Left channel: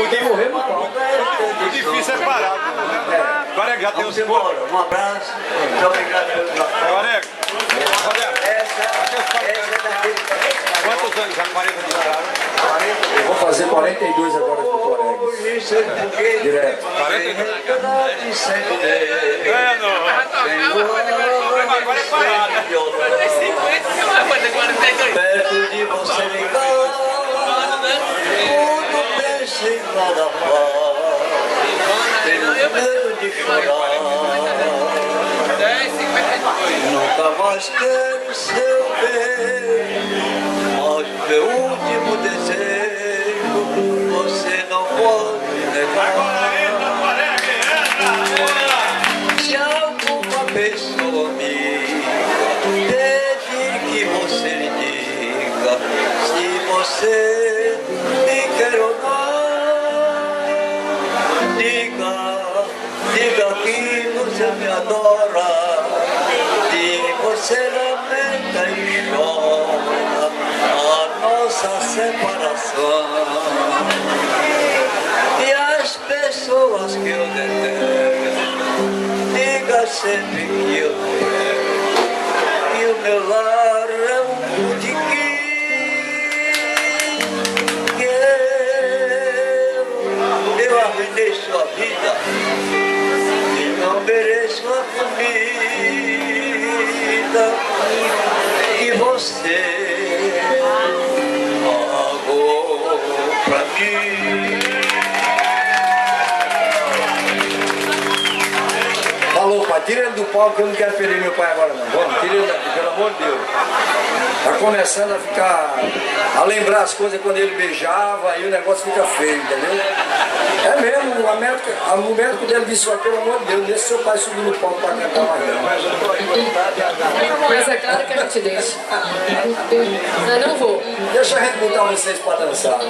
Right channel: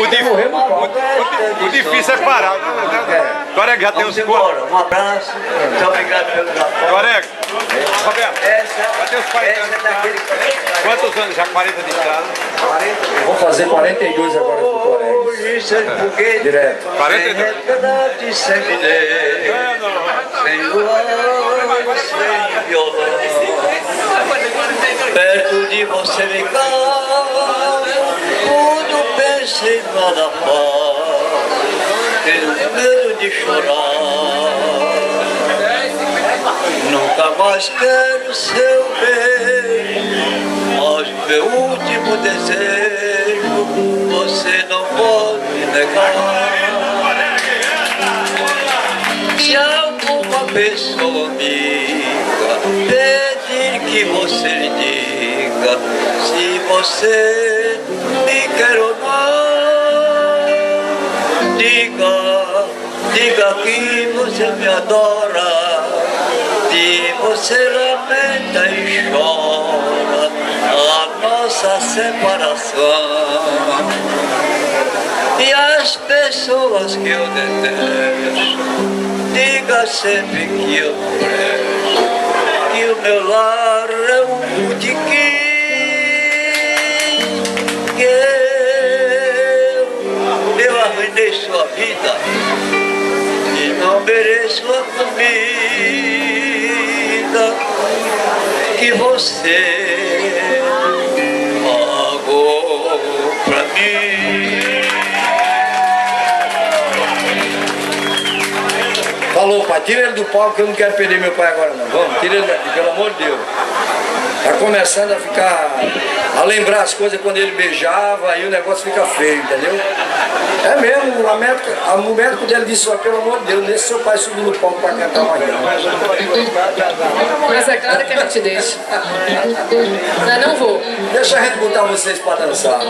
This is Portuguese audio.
O difícil é parar. Agora já tem uns embora. Um abraço. Muito obrigado pelo apoio. Corega. Quantos anos? Já 40 de estrada? Vou fazer 42 agora do Corega. Direto. 42? Perto de você me cala, quando penso em nada faz, tenho medo de chorar. Nunca mais quero seu beijo, mas meu último desejo você não pode negar. Se alguma pessoa amiga pedir que você lhe diga se você me quer ou não, diga que você me adora, que você lamenta e chora a nossa separação. E as pessoas que eu detesto, diga sempre que eu detesto, que o meu lar é um botequim, que eu arruinei sua vida e não mereço a comida que você pagou pra mim. Falou, pai, tira ele do palco que eu não quero perder meu pai agora não. Vamos, tira ele daqui, pelo amor de Deus. Tá começando a ficar, a lembrar as coisas quando ele beijava e o negócio fica feio, entendeu? É mesmo, o médico dele disse, pelo amor de Deus, deixa seu pai subir no palco pra cantar uma vez. Mas é claro que a gente deixa. Não vou. Deixa a gente botar vocês pra dançar.